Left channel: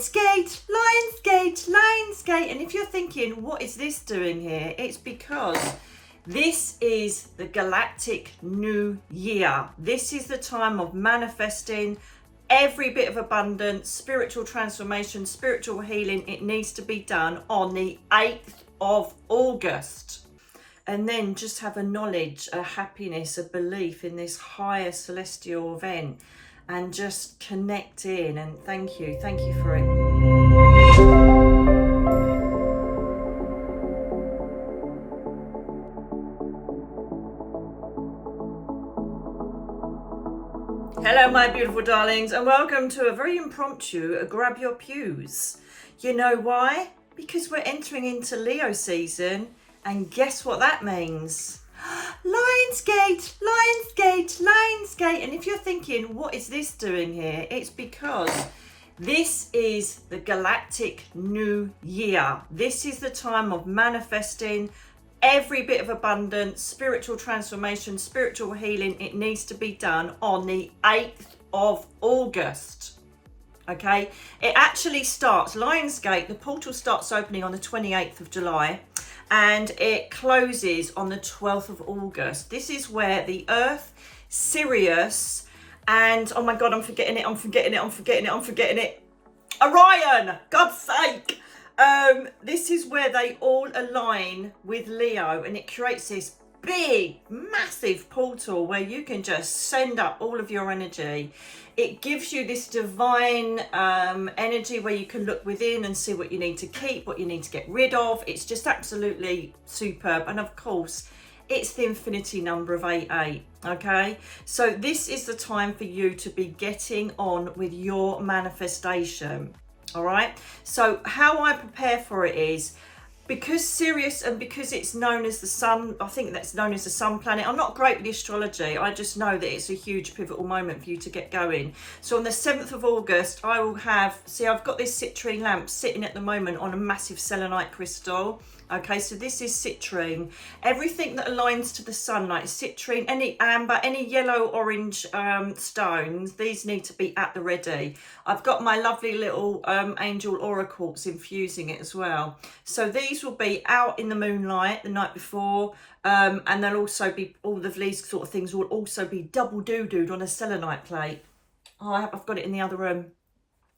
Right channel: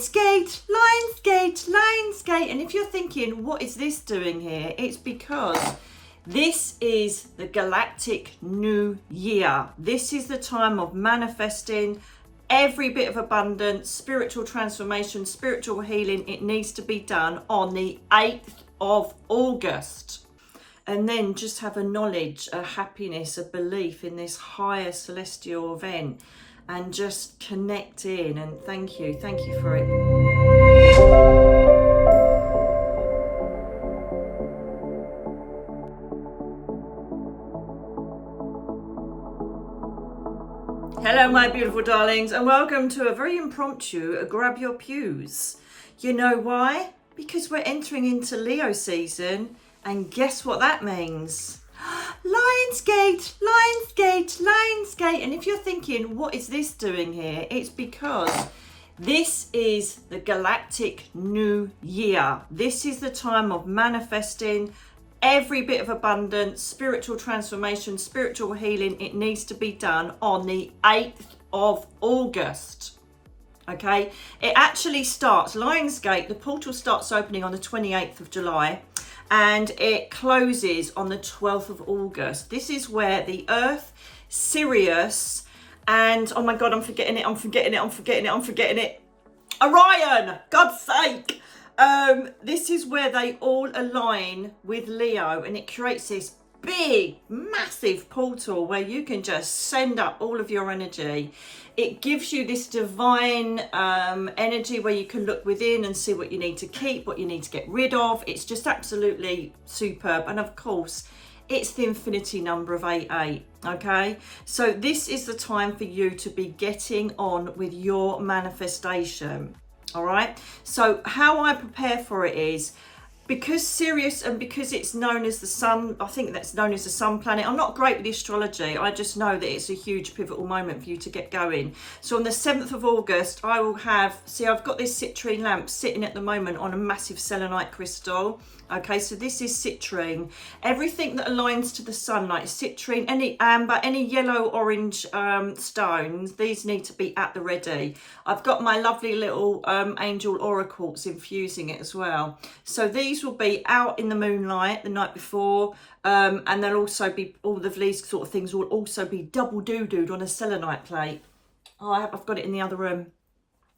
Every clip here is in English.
Lionsgate, Lionsgate, Lionsgate. And if you're thinking, what is this doing here? It's because this is the galactic new year. This is the time of manifesting every bit of abundance, spiritual transformation, spiritual healing. It needs to be done on the 8th of August. And then just have a knowledge, a happiness, a belief in this higher celestial event. And just connect in, and thank you for it. Hello my beautiful darlings, and welcome to a very impromptu grab your pews. You know why? Because we're entering into Leo season, and guess what that means? Lionsgate, Lionsgate, Lionsgate. And if you're thinking, what is this doing here? It's because this is the galactic new year. This is the time of manifesting every bit of abundance, spiritual transformation, spiritual healing. It needs to be done on the 8th of August. Okay, it actually starts, Lionsgate, the portal starts opening on the 28th of July and it closes on the 12th of August. This is where the Earth, Sirius, and oh my God, I'm forgetting it. Orion, God's sake. This is where they all align with Leo, and it creates this big, massive portal where you can just send up all of your energy. It gives you this divine energy where you can look within and see what you need to keep, what you need to get rid of. It's just absolutely superb. And of course, it's the infinity number of 88, okay? So this is the time for you to be getting on with your manifestation, all right? So how I prepare for it is, because Sirius, and because it's known as the sun, I think that's known as the sun planet. I'm not great with the astrology. I just know that it's a huge pivotal moment for you to get going. So on the 7th of August, I will have, see, I've got this citrine lamp sitting at the moment on a massive selenite crystal. Okay, so this is citrine. Everything that aligns to the sun, like citrine, any amber, any yellow, orange stones, these need to be at the ready. I've got my lovely little angel oracles infusing it as well. So these will be out in the moonlight the night before, and they'll also be, all of these sort of things will also be double doo-dooed on a selenite plate. Oh, I've got it in the other room.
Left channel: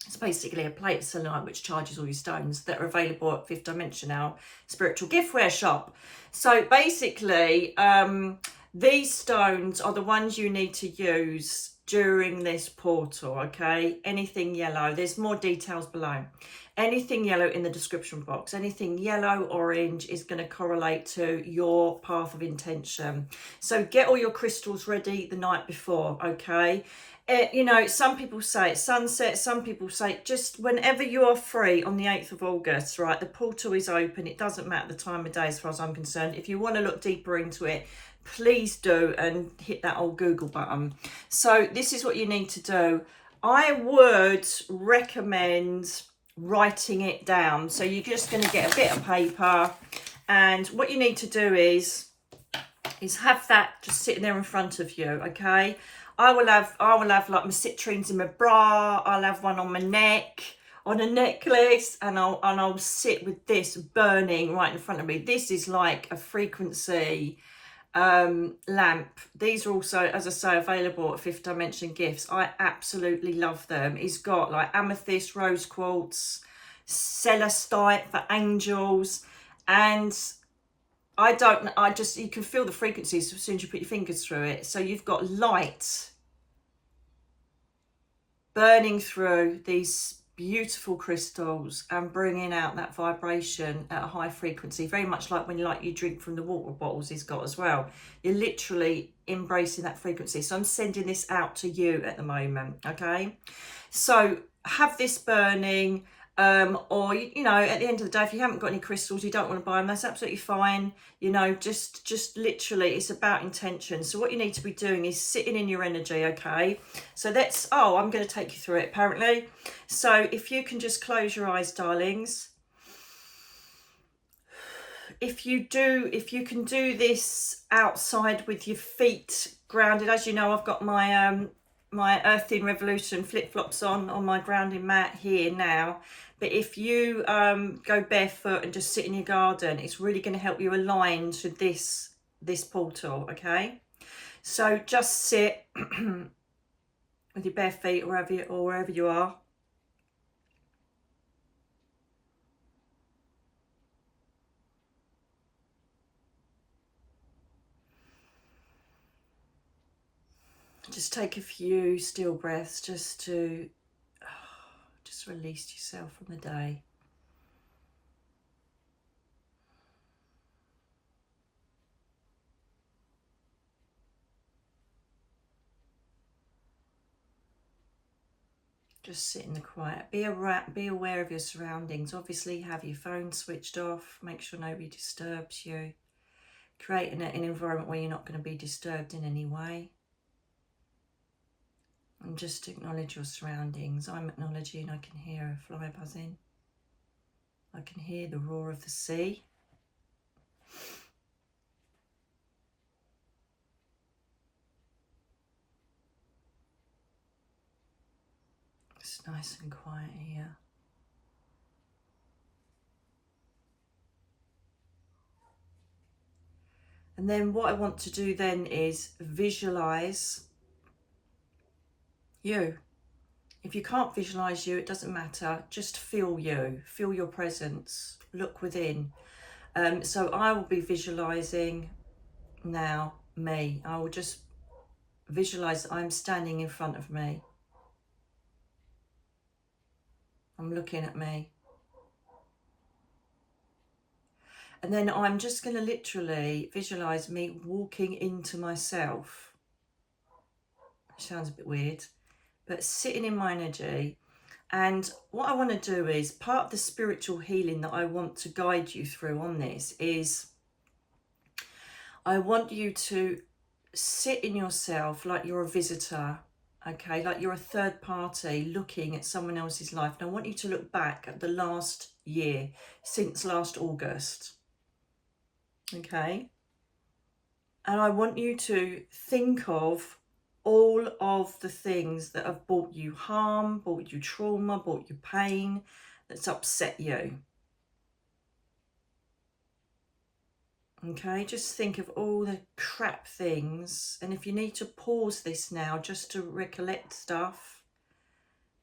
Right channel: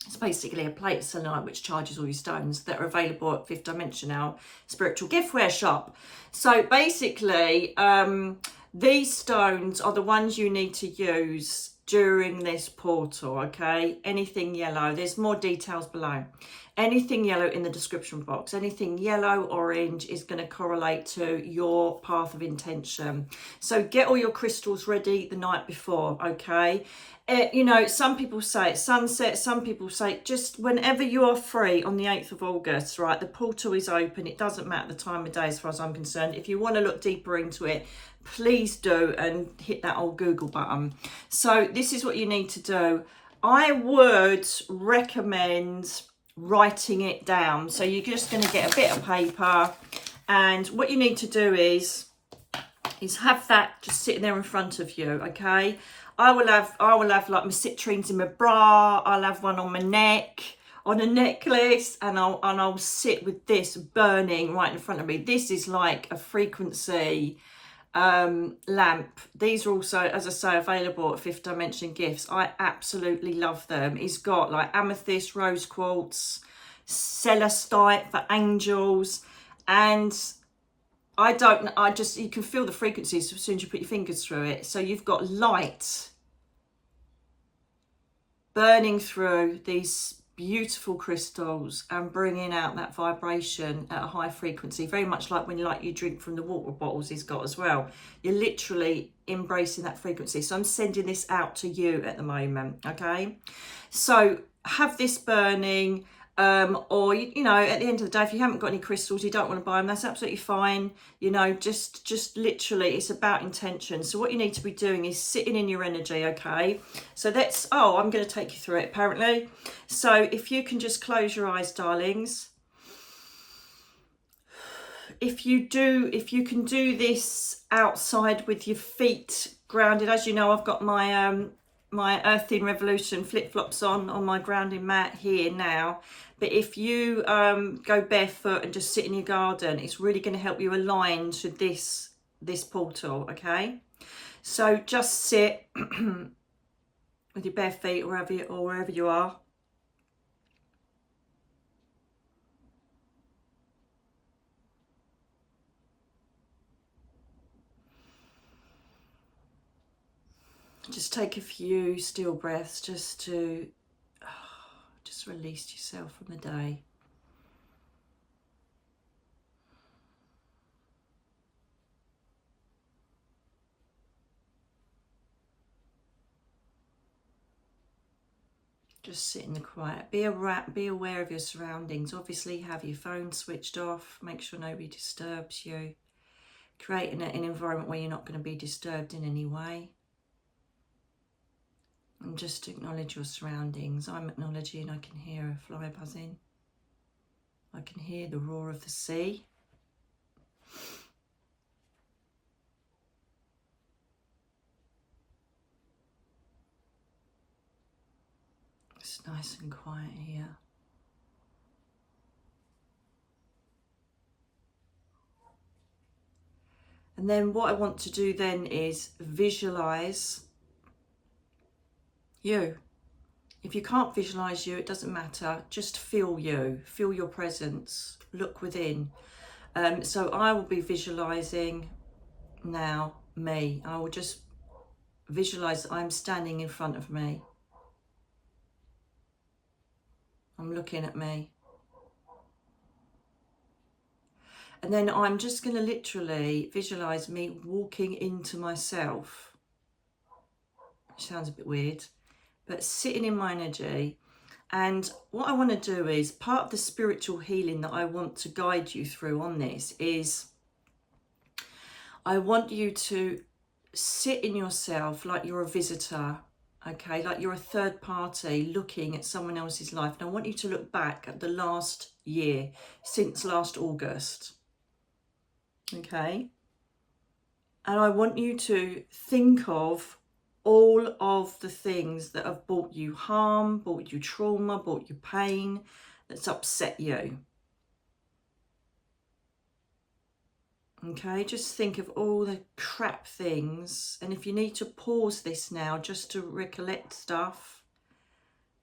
It's basically a plate of selenite which charges all your stones that are available at Fifth Dimension, our spiritual giftware shop. So basically, these stones are the ones you need to use during this portal, okay? Anything yellow, there's more details below. Anything yellow in the description box, anything yellow, orange is going to correlate to your path of intention. So get all your crystals ready the night before, okay? You know, some people say it's sunset, some people say just whenever you are free on the 8th of August, right? The portal is open. It doesn't matter the time of day as far as I'm concerned. If you want to look deeper into it, please do, and hit that old Google button. So this is what you need to do. I would recommend writing it down. So you're just going to get a bit of paper, and what you need to do is have that just sitting there in front of you, okay? I will have like my citrines in my bra. I'll have one on my neck, on a necklace, and I'll sit with this burning right in front of me. This is like a frequency lamp. These are also, as I say, available at Fifth Dimension Gifts. I absolutely love them. It's got like amethyst, rose quartz, celestite for angels, and you can feel the frequencies as soon as you put your fingers through it. So you've got light burning through these beautiful crystals and bringing out that vibration at a high frequency, very much like when you drink from the water bottles he's got as well. You're literally embracing that frequency. So I'm sending this out to you at the moment, okay? So have this burning. Or you know, at the end of the day, if you haven't got any crystals, you don't want to buy them, that's absolutely fine. You know, just literally, it's about intention. So what you need to be doing is sitting in your energy, okay? So that's, I'm going to take you through it apparently. So if you can just close your eyes, darlings. If you can do this outside with your feet grounded, as you know, I've got my my Earthing Revolution flip-flops on my grounding mat here now. But if you go barefoot and just sit in your garden, it's really going to help you align to this portal, okay? So just sit with your bare feet or wherever you are. Just take a few still breaths just to just release yourself from the day. Just sit in the quiet. Be aware of your surroundings. Obviously, have your phone switched off. Make sure nobody disturbs you. Create an environment where you're not going to be disturbed in any way. And just acknowledge your surroundings. I'm acknowledging I can hear a fly buzzing. I can hear the roar of the sea. It's nice and quiet here. And then what I want to do then is visualize you. If you can't visualize you, it doesn't matter. Just feel you. Feel your presence. Look within. So I will be visualizing now me. I will just visualize I'm standing in front of me. I'm looking at me. And then I'm just going to literally visualize me walking into myself. Sounds a bit weird, but sitting in my energy. And what I want to do is, part of the spiritual healing that I want to guide you through on this is, I want you to sit in yourself like you're a visitor, okay, like you're a third party looking at someone else's life. And I want you to look back at the last year, since last August, okay? And I want you to think of all of the things that have brought you harm, brought you trauma, brought you pain, that's upset you. Okay, just think of all the crap things. And if you need to pause this now just to recollect stuff,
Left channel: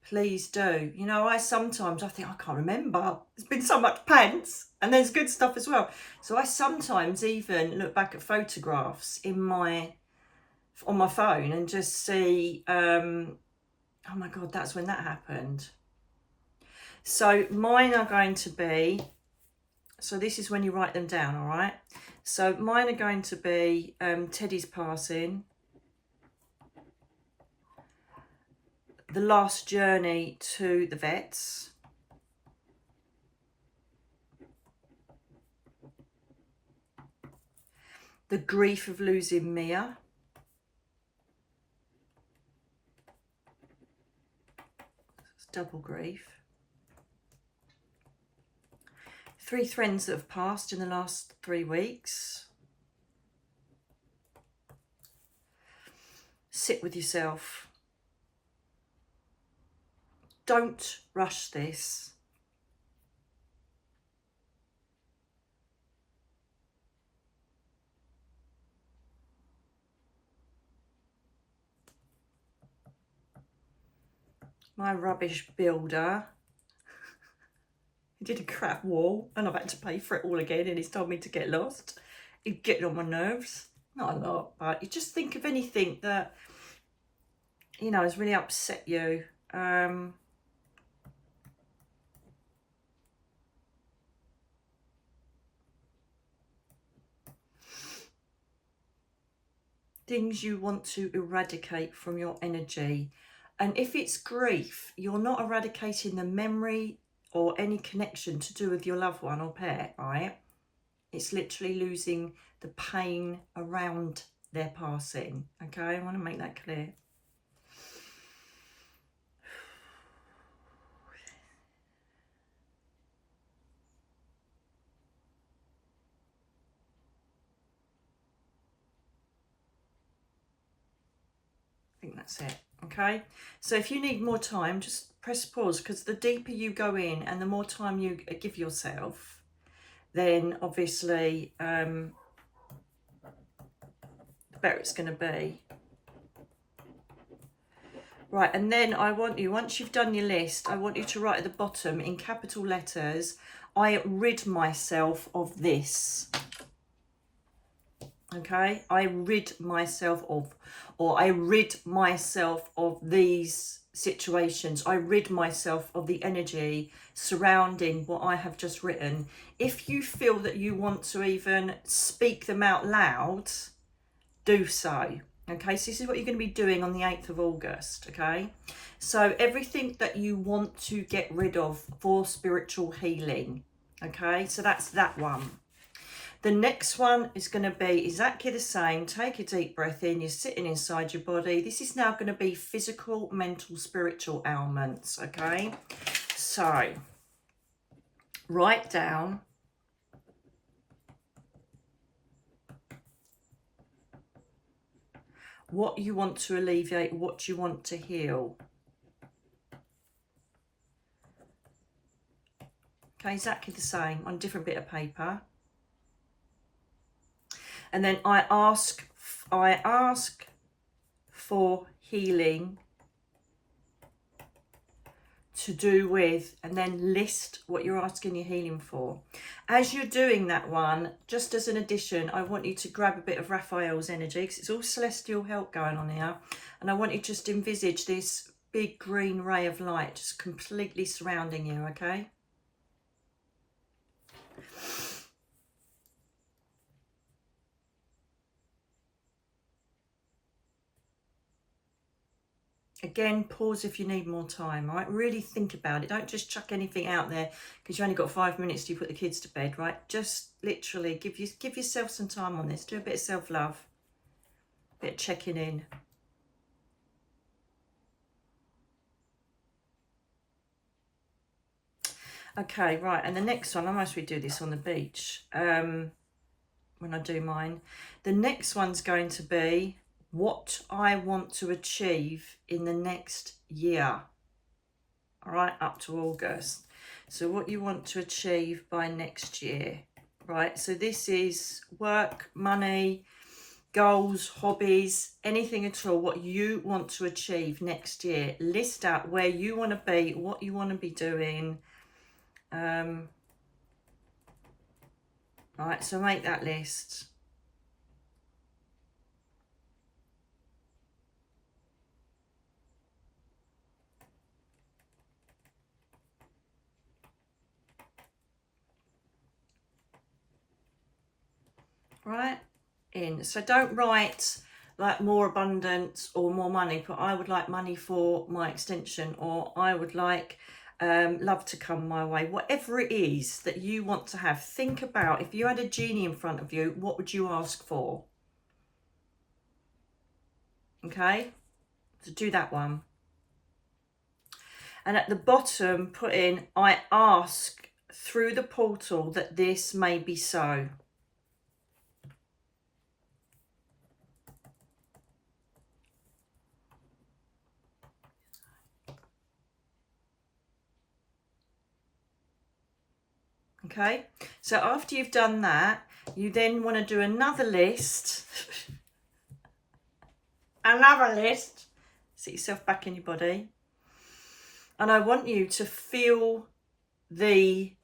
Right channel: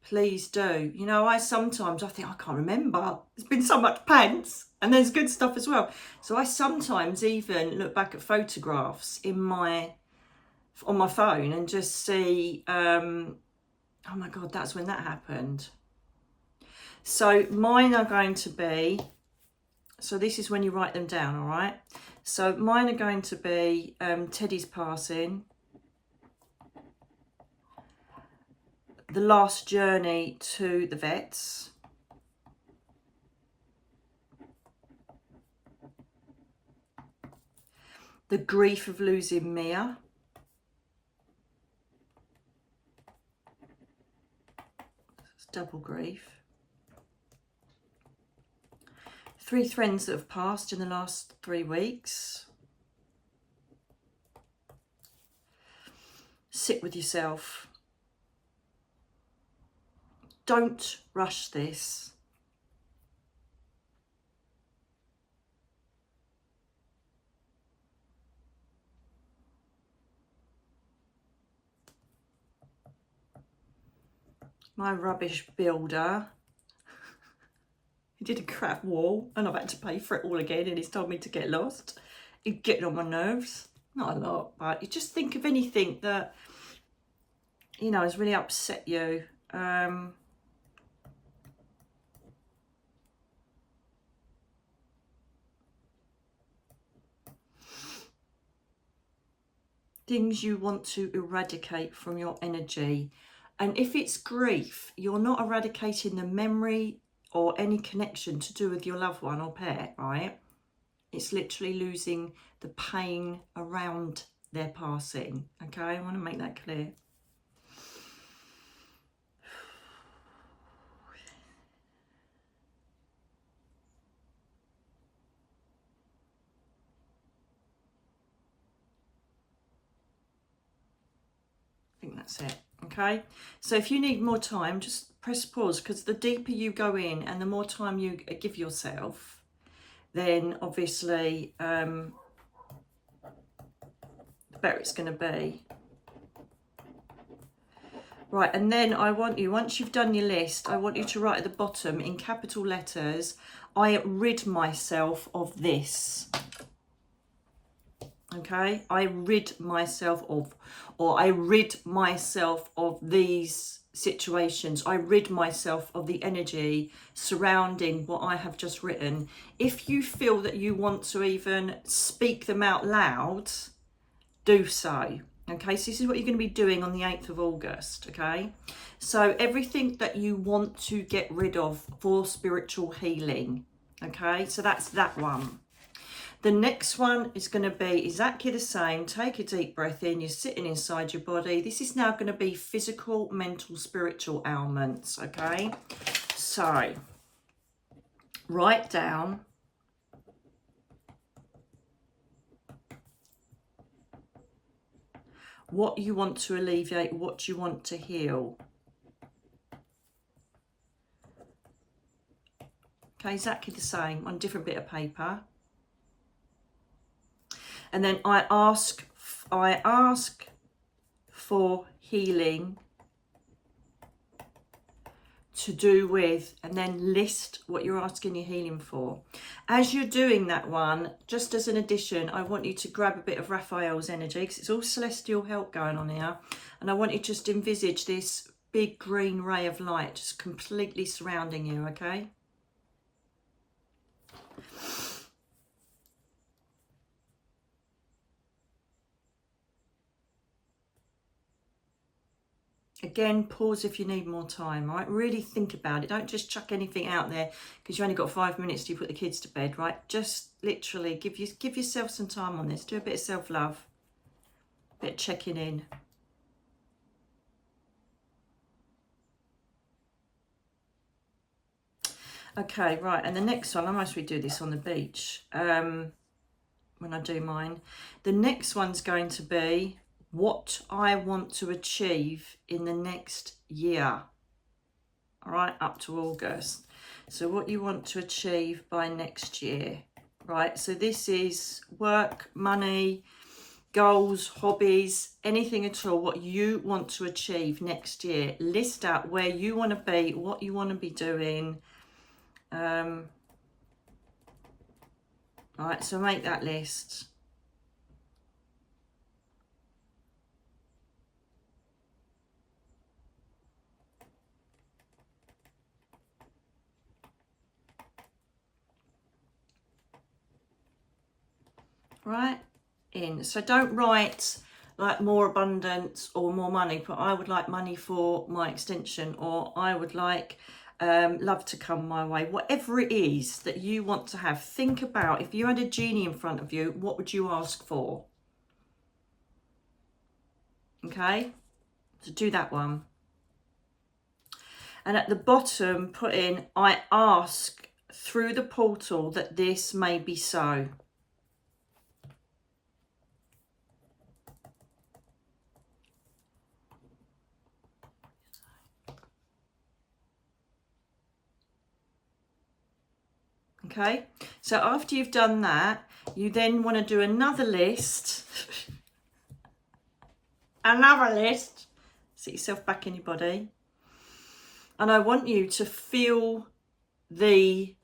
please do. You know, I think, I can't remember. There's been so much pants, and there's good stuff as well. So I sometimes even look back at photographs on my phone and just see, oh my God, that's when that happened. So mine are going to be, so this is when you write them down, all right? So mine are going to be Teddy's passing, the last journey to the vets, the grief of losing Mia, it's double grief, 3 friends that have passed in the last 3 weeks. Sit with yourself. Don't rush this. My rubbish builder, he did a crap wall and I've had to pay for it all again, and he's told me to get lost. He's getting on my nerves. Not a lot, but you just think of anything that, you know, has really upset you. Things you want to eradicate from your energy. And if it's grief, you're not eradicating the memory or any connection to do with your loved one or pet, right? It's literally losing the pain around their passing, okay? I want to make that clear. I think that's it. Okay, so if you need more time, just press pause, because the deeper you go in and the more time you give yourself, then obviously the better it's going to be. Right, and then I want you, once you've done your list, I want you to write at the bottom in capital letters, I rid myself of this. Okay, I rid myself of, or I rid myself of these situations. I rid myself of the energy surrounding what I have just written. If you feel that you want to even speak them out loud, do so. Okay, so this is what you're going to be doing on the 8th of August. Okay, so everything that you want to get rid of for spiritual healing. Okay, so that's that one. The next one is going to be exactly the same. Take a deep breath in. You're sitting inside your body. This is now going to be physical, mental, spiritual ailments. Okay, so write down what you want to alleviate, what you want to heal. Okay, exactly the same on a different bit of paper. And then I ask for healing to do with, and then list what you're asking your healing for. As you're doing that one, just as an addition, I want you to grab a bit of Raphael's energy, because it's all celestial help going on here. And I want you to just envisage this big green ray of light just completely surrounding you, okay? Again, pause if you need more time, right? Really think about it. Don't just chuck anything out there because you only got 5 minutes to put the kids to bed, right? Just literally give yourself some time on this. Do a bit of self-love, a bit of checking in. Okay, right, and the next one, I mostly do this on the beach when I do mine. The next one's going to be what I want to achieve in the next year. All right, up to August. So what you want to achieve by next year, right? So this is work, money, goals, hobbies, anything at all, what you want to achieve next year. List out where you want to be, what you want to be doing. Right, so make that list. Right, in. So don't write like more abundance or more money, but I would like money for my extension, or I would like love to come my way. Whatever it is that you want to have, think about, if you had a genie in front of you, what would you ask for? Okay, so do that one. And at the bottom, put in, I ask through the portal that this may be so. Okay, so after you've done that, you then want to do another list. Another list. Sit yourself back in your body. And I want you to feel the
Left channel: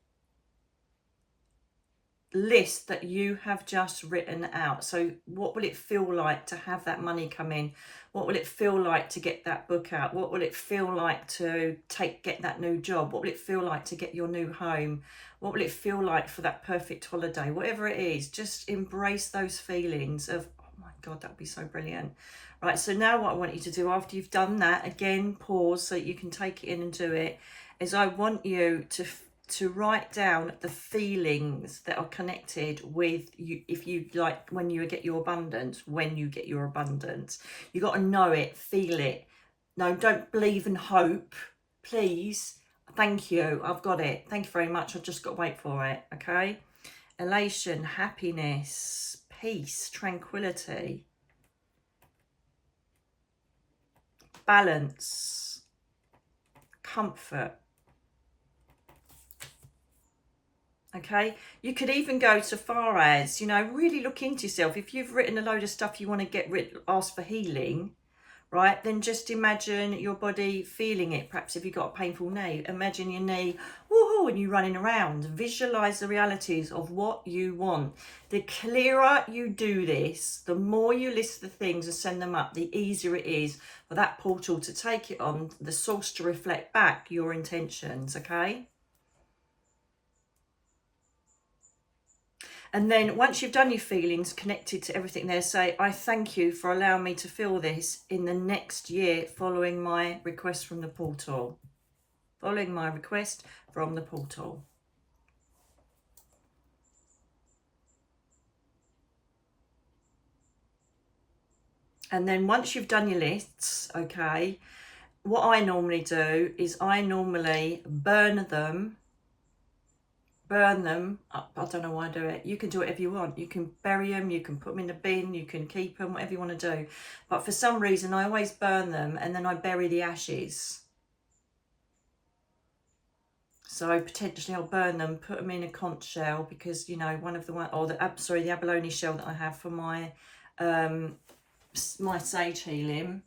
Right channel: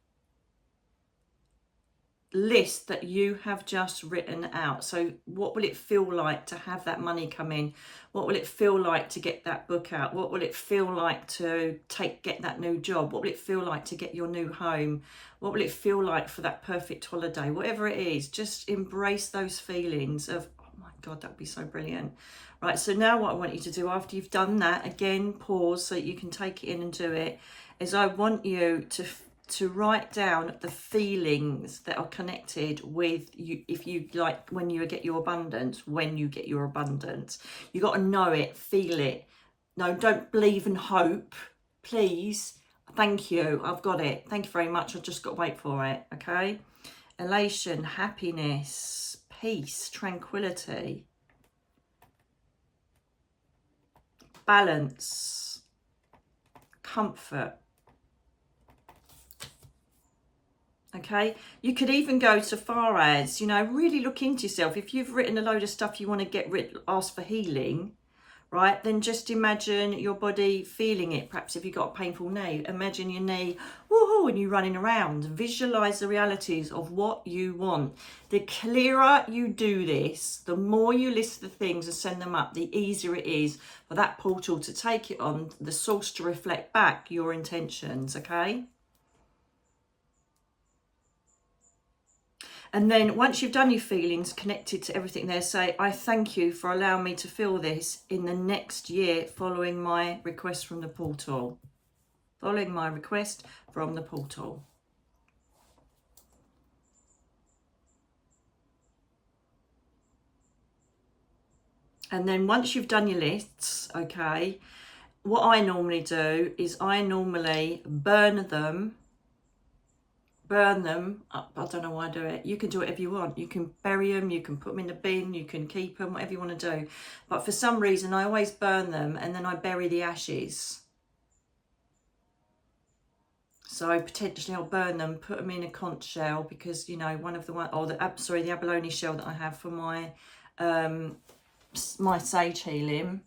list that you have just written out. So what will it feel like to have that money come in? What will it feel like to get that book out? What will it feel like to get that new job? What will it feel like to get your new home? What will it feel like for that perfect holiday? Whatever it is, just embrace those feelings of, oh my God, that would be so brilliant. Right, so now what I want you to do after you've done that, again, pause so you can take it in and do it, is I want you to write down the feelings that are connected with you. If you like, when you get your abundance, you got to know it, feel it. No, don't believe and hope, please. Thank you, I've got it. Thank you very much. I've just got to wait for it. Okay, elation, happiness, peace, tranquility. balance, comfort. Okay, you could even go so far as, you know, really look into yourself. If you've written a load of stuff you want to get rid, ask for healing, right, then just imagine your body feeling it. Perhaps if you've got a painful knee, imagine your knee, woohoo, and you running around. Visualize the realities of what you want. The clearer you do this, the more you list the things and send them up, the easier it is for that portal to take it on, the source to reflect back your intentions, okay? And then once you've done your feelings, connected to everything there, say, I thank you for allowing me to feel this in the next year following my request from the portal. Following my request from the portal. And then once you've done your lists, okay, what I normally do is I normally burn them up. I don't know why I do it. You can do whatever you want. You can bury them, you can put them in the bin, you can keep them, whatever you want to do. But for some reason, I always burn them and then I bury the ashes. So potentially I'll burn them, put them in a conch shell, because, you know, one of the the abalone shell that I have for my my sage healing,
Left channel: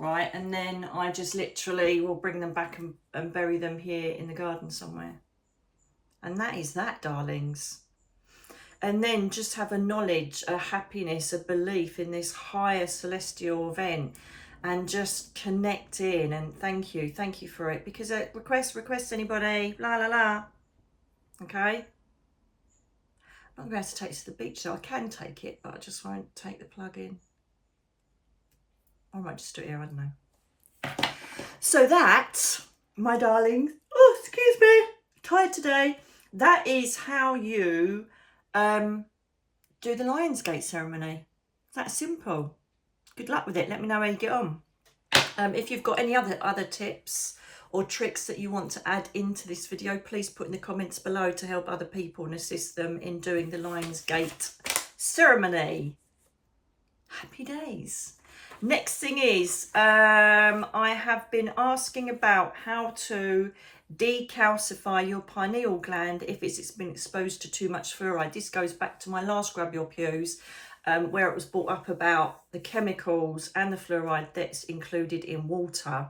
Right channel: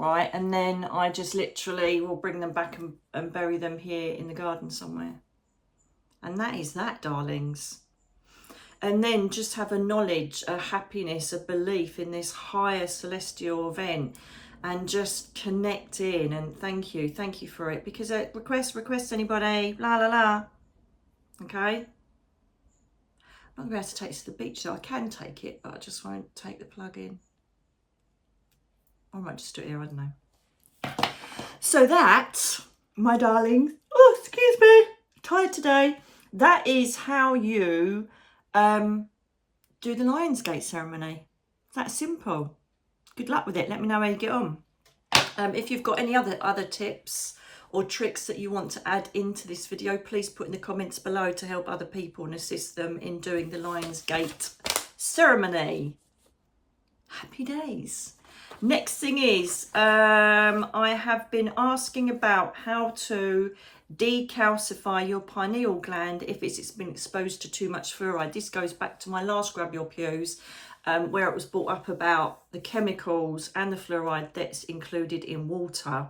right? And then I just literally will bring them back and bury them here in the garden somewhere. And that is that, darlings. And then just have a knowledge, a happiness, a belief in this higher celestial event, and just connect in. And thank you for it. Because request anybody, la la la. Okay. I'm not going to be able to take it to the beach, so I can take it, but I just won't take the plug in. I might just do it here, I don't know. So that, my darlings, oh, excuse me, tired today. That is how you do the Lionsgate ceremony. That simple. Good luck with it. Let me know how you get on. If you've got any other tips or tricks that you want to add into this video, please put in the comments below to help other people and assist them in doing the Lionsgate ceremony. Happy days. Next thing is, I have been asking about how to decalcify your pineal gland if it's been exposed to too much fluoride. This goes back to my last Grab Your PEWS, where it was brought up about the chemicals and the fluoride that's included in water.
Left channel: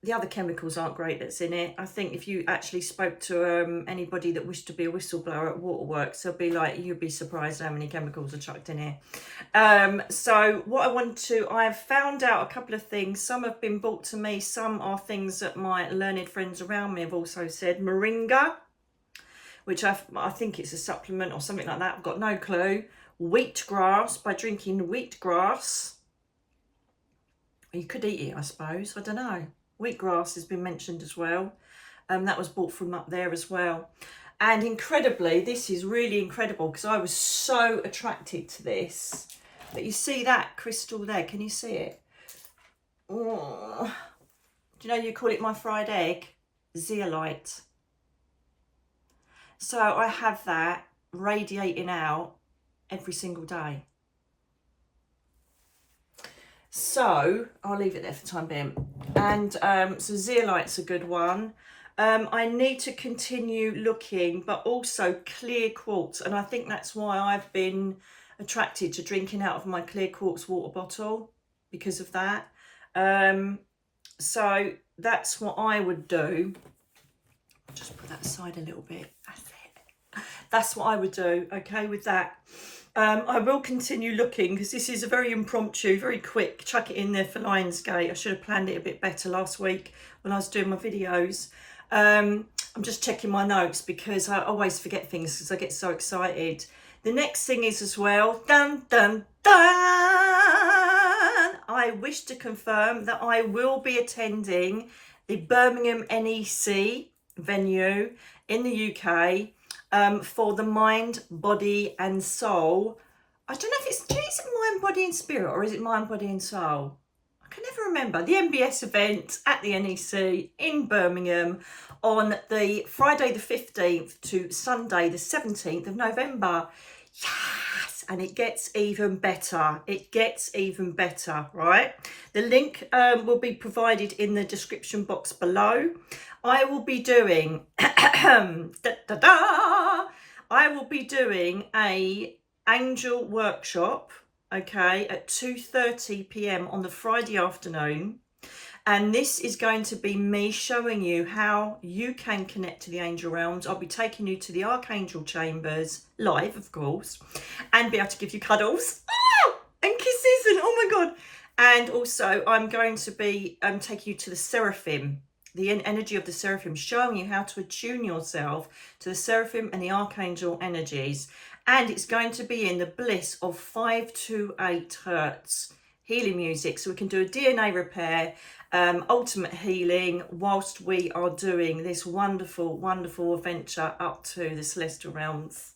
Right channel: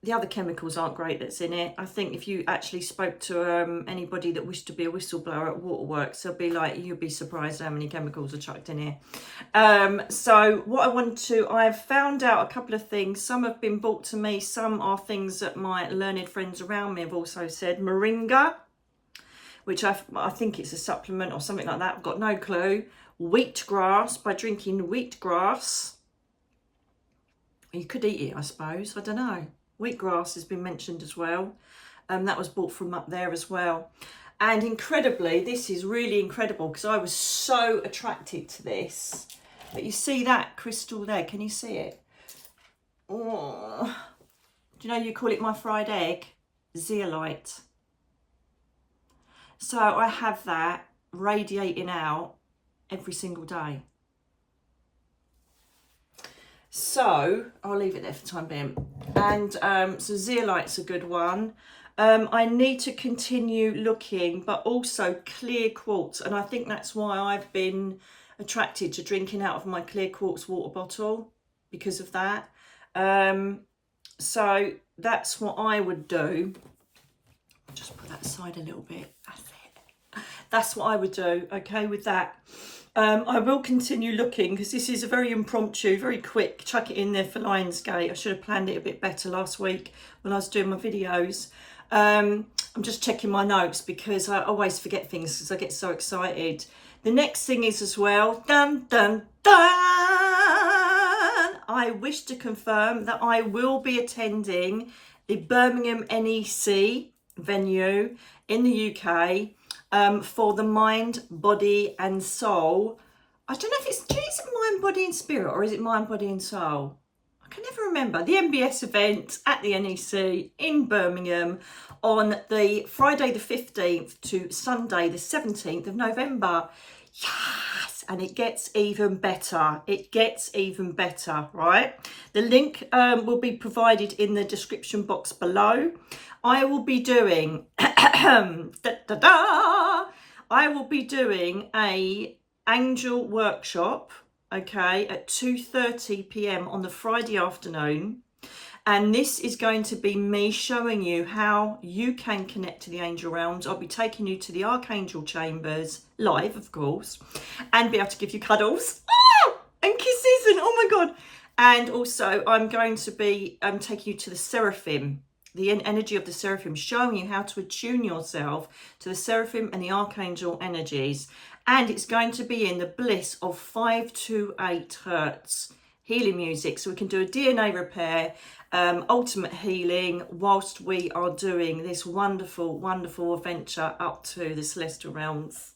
The other chemicals aren't great that's in it. I think if you actually spoke to anybody that wished to be a whistleblower at Waterworks, they'll be like, you'd be surprised how many chemicals are chucked in here. So what I have found out a couple of things. Some have been brought to me. Some are things that my learned friends around me have also said. Moringa, which I think it's a supplement or something like that. I've got no clue. Wheatgrass, by drinking wheatgrass. You could eat it, I suppose. I don't know. Wheatgrass has been mentioned as well. That was bought from up there as well. And incredibly, this is really incredible because I was so attracted to this. But you see that crystal there? Can you see it? Oh. Do you know you call it my fried egg? Zeolite. So I have that radiating out every single day. So I'll leave it there for the time being. And so zeolite's a good one. I need to continue looking, but also clear quartz. And I think that's why I've been attracted to drinking out of my clear quartz water bottle, because of that. So that's what I would do. I'll just put that aside a little bit. That's it. That's what I would do, okay, with that. I will continue looking because this is a very impromptu, very quick, chuck it in there for Lionsgate. I should have planned it a bit better last week when I was doing my videos. I'm just checking my notes because I always forget things because I get so excited. The next thing is as well, dun, dun, dun, I wish to confirm that I will be attending the Birmingham NEC venue in the UK. For the mind, body and soul. I don't know if is it mind, body and spirit, or is it mind, body and soul? I can never remember. The MBS event at the NEC in Birmingham on the Friday the 15th to Sunday the 17th of November. Yes, and it gets even better. It gets even better, right? The link will be provided in the description box below. I will be doing I will be doing a angel workshop, okay, at 2:30 p.m. on the Friday afternoon. And this is going to be me showing you how you can connect to the angel realms. I'll be taking you to the Archangel chambers, live, of course, and be able to give you cuddles and kisses and oh my God. And also I'm going to be taking you to the seraphim, the energy of the seraphim, showing you how to attune yourself to the seraphim and the archangel energies. And it's going to be in the bliss of 5 to 8 hertz healing music. So we can do a DNA repair, ultimate healing, whilst we are doing this wonderful, wonderful adventure up to the celestial realms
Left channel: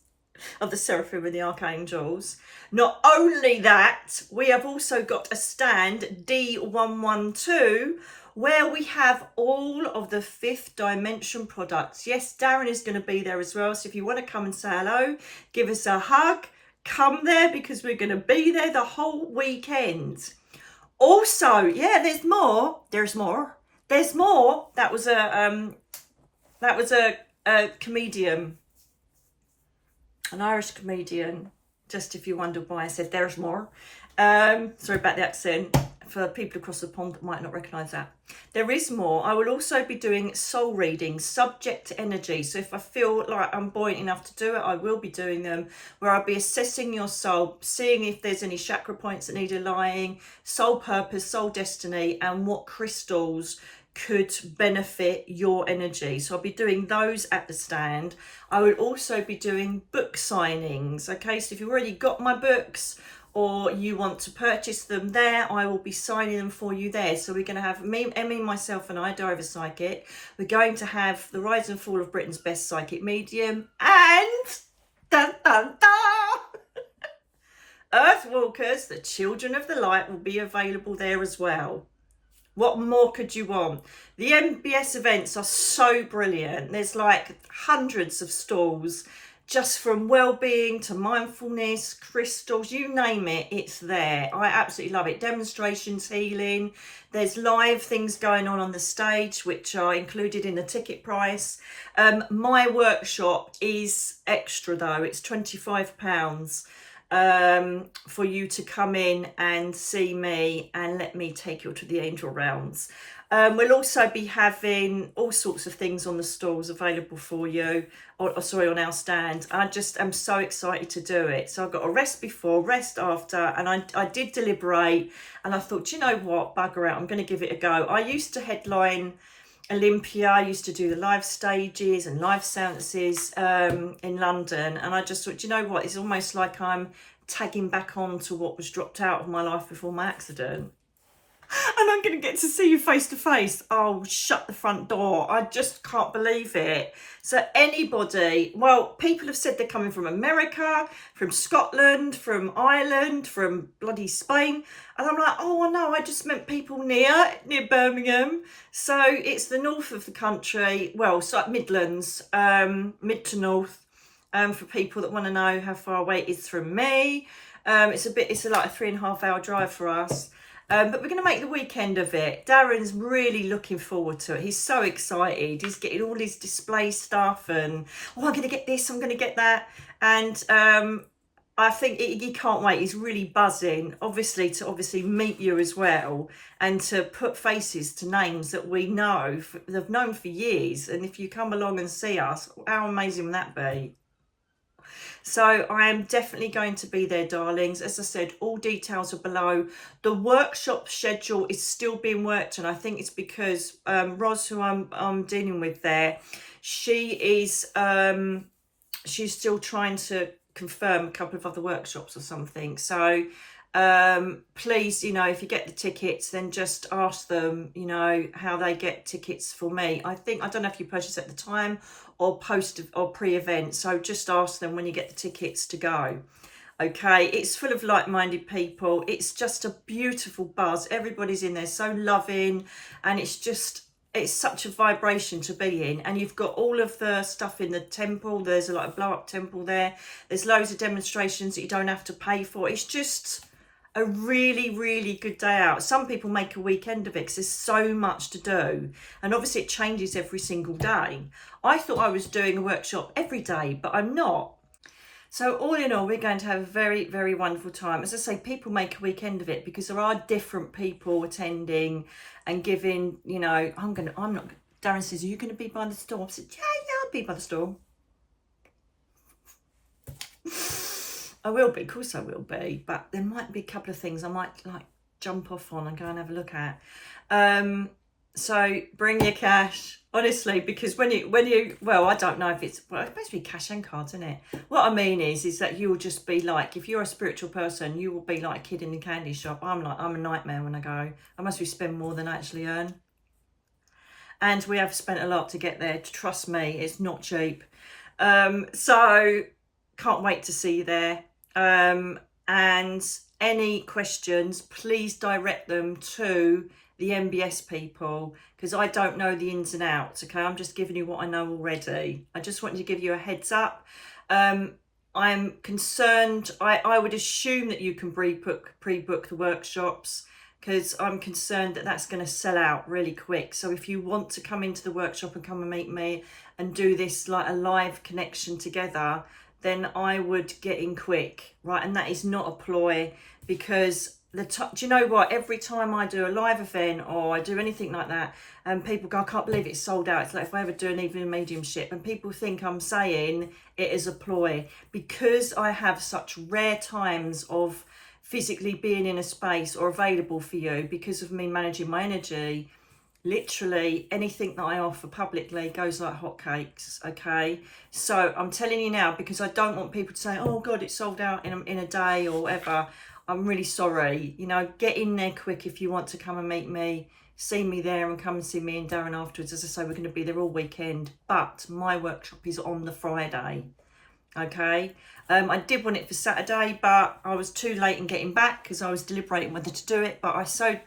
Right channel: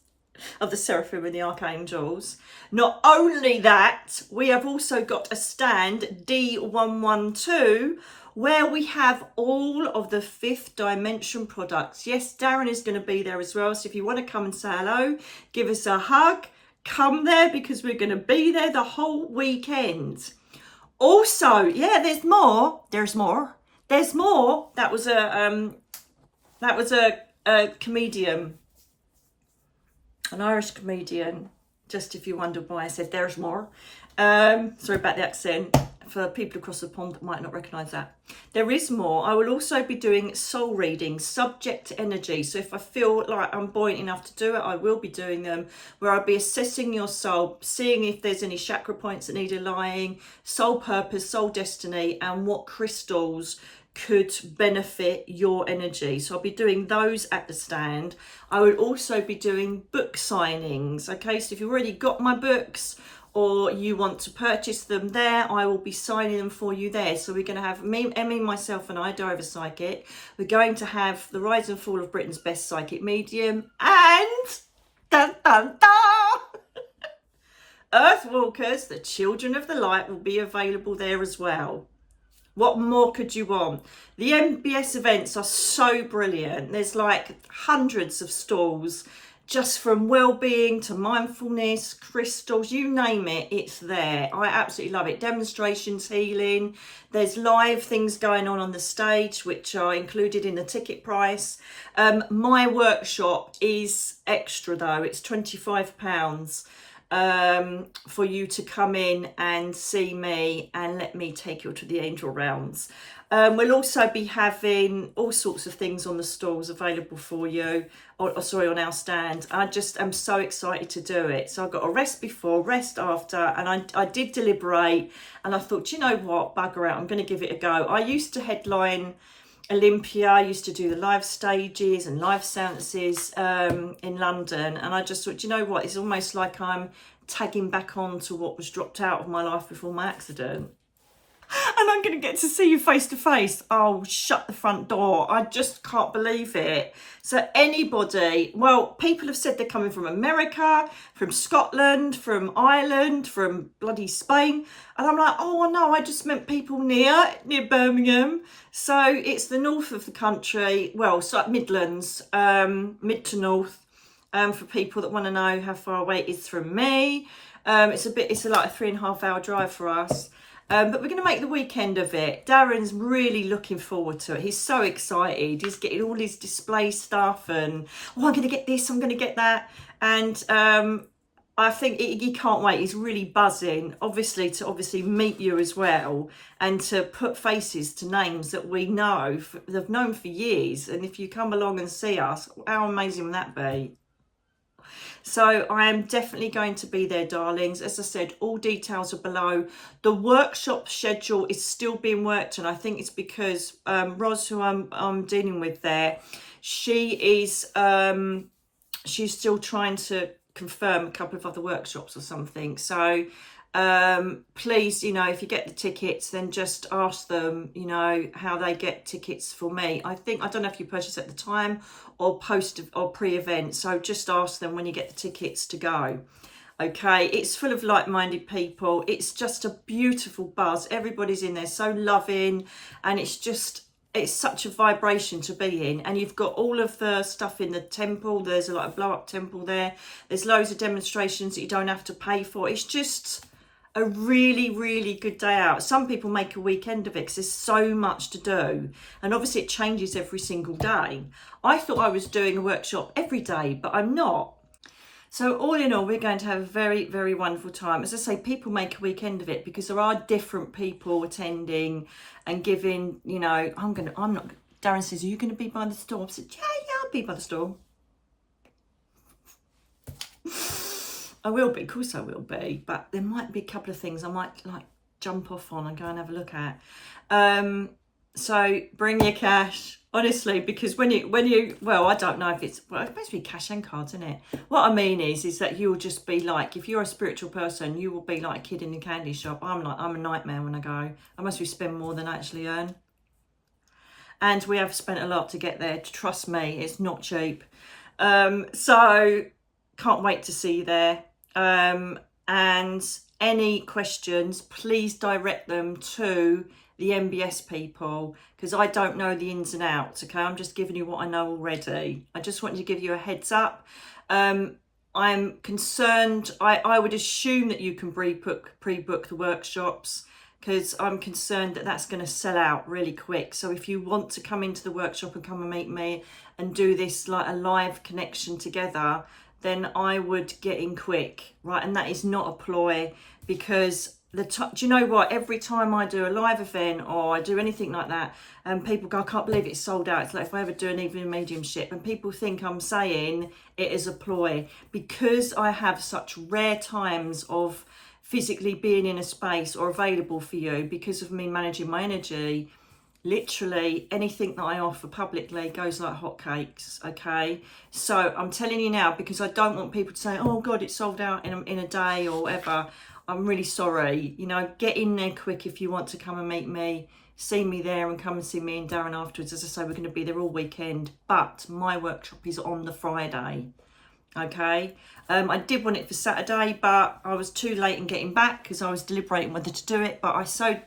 of the seraphim and the archangels. Not only that, we have also got a stand D112 where we have all of the 5th dimension products. Yes, Darren is going to be there as well. So if you want to come and say hello, give us a hug, come there, because we're going to be there the whole weekend. Also, yeah, there's more. There's more. That was a comedian, an Irish comedian. Just if you wondered why I said there's more. Sorry about the accent. For people across the pond that might not recognise that. There is more. I will also be doing soul readings, subject to energy. So if I feel like I'm buoyant enough to do it, I will be doing them, where I'll be assessing your soul, seeing if there's any chakra points that need aligning, soul purpose, soul destiny, and what crystals could benefit your energy. So I'll be doing those at the stand. I will also be doing book signings. Okay, so if you've already got my books, or you want to purchase them there, I will be signing them for you there. So we're going to have me, Emmy, myself and I, Diver Psychic. We're going to have the Rise and Fall of Britain's Best Psychic Medium and dun, dun, dun, Earthwalkers, the Children of the Light, will be available there as well. What more could you want? The MBS events are so brilliant. There's like hundreds of stalls, just from well-being to mindfulness, crystals, you name it, it's there. I absolutely love it. Demonstrations, healing. There's live things going on the stage, which are included in the ticket price. My workshop is extra though. It's £25 for you to come in and see me and let me take you to the angel realms. We'll also be having all sorts of things on the stalls available for you, or sorry, on our stand. I just am so excited to do it. So I've got a rest before, rest after, and I did deliberate, and I thought, you know what, bugger out, I'm going to give it a go. I used to headline Olympia, I used to do the live stages and live seances in London, and I just thought, you know what, it's almost like I'm tagging back on to what was dropped out of my life before my accident. And I'm going to get to see you face to face. Oh, shut the front door. I just can't believe it. So anybody, well, people have said they're coming from America, from Scotland, from Ireland, from bloody Spain. And I'm like, oh, no, I just meant people near Birmingham. So it's the north of the country. Well, it's like Midlands, mid to north, for people that want to know how far away it is from me. It's like a 3.5 hour drive for us. But we're going to make the weekend of it. Darren's really looking forward to it. He's so excited. He's getting all his display stuff and, oh, I'm going to get this, I'm going to get that. And I think he can't wait. He's really buzzing, obviously, to meet you as well and to put faces to names that we know, they've known for years. And if you come along and see us, how amazing would that be? So I am definitely going to be there, darlings. As I said, all details are below. The workshop schedule is still being worked, and I think it's because Roz, who I'm dealing with there, she's still trying to confirm a couple of other workshops or something. So please, you know, if you get the tickets, then just ask them, you know, how they get tickets for me. I don't know if you purchase at the time or post or pre-event, so just ask them when you get the tickets to go. Okay, it's full of like-minded people. It's just a beautiful buzz. Everybody's in there so loving, and it's just it's such a vibration to be in. And you've got all of the stuff in the temple. There's a blow up temple there. There's loads of demonstrations that you don't have to pay for. It's just a really, really good day out. Some people make a weekend of it because there's so much to do. And obviously it changes every single day. I thought I was doing a workshop every day, but I'm not. So all in all, we're going to have a very, very wonderful time. As I say, people make a weekend of it because there are different people attending and giving, you know, I'm not, Darren says, are you going to be by the store? I said, yeah, I'll be by the store. I will be, of course I will be, but there might be a couple of things I might like jump off on and go and have a look at. So bring your cash, honestly, because when you, well, I don't know if it's, well, it's supposed to be cash and cards, isn't it? What I mean is that you'll just be like, if you're a spiritual person, you will be like a kid in a candy shop. I'm a nightmare when I go. I must be spend more than I actually earn. And we have spent a lot to get there. Trust me, it's not cheap. So can't wait to see you there. And any questions, please direct them to the MBS people, because I don't know the ins and outs. Okay, I'm just giving you what I know already. I just wanted to give you a heads up. I'm concerned. I would assume that you can pre-book the workshops, because I'm concerned that that's going to sell out really quick. So if you want to come into the workshop and come and meet me and do this like a live connection together, then I would get in quick, right? And that is not a ploy, because do you know what? Every time I do a live event or I do anything like that, and people go, I can't believe it's sold out. It's like if I ever do an evening mediumship, and people think I'm saying it is a ploy, because I have such rare times of physically being in a space or available for you because of me managing my energy. Literally anything that I offer publicly goes like hotcakes, okay? So I'm telling you now, because I don't want people to say, oh God, it's sold out in a day or whatever. I'm really sorry. You know, get in there quick if you want to come and meet me. See me there and come and see me and Darren afterwards. As I say, we're going to be there all weekend. But my workshop is on the Friday, okay? I did want it for Saturday, but I was too late in getting back because I was deliberating whether to do it. But I so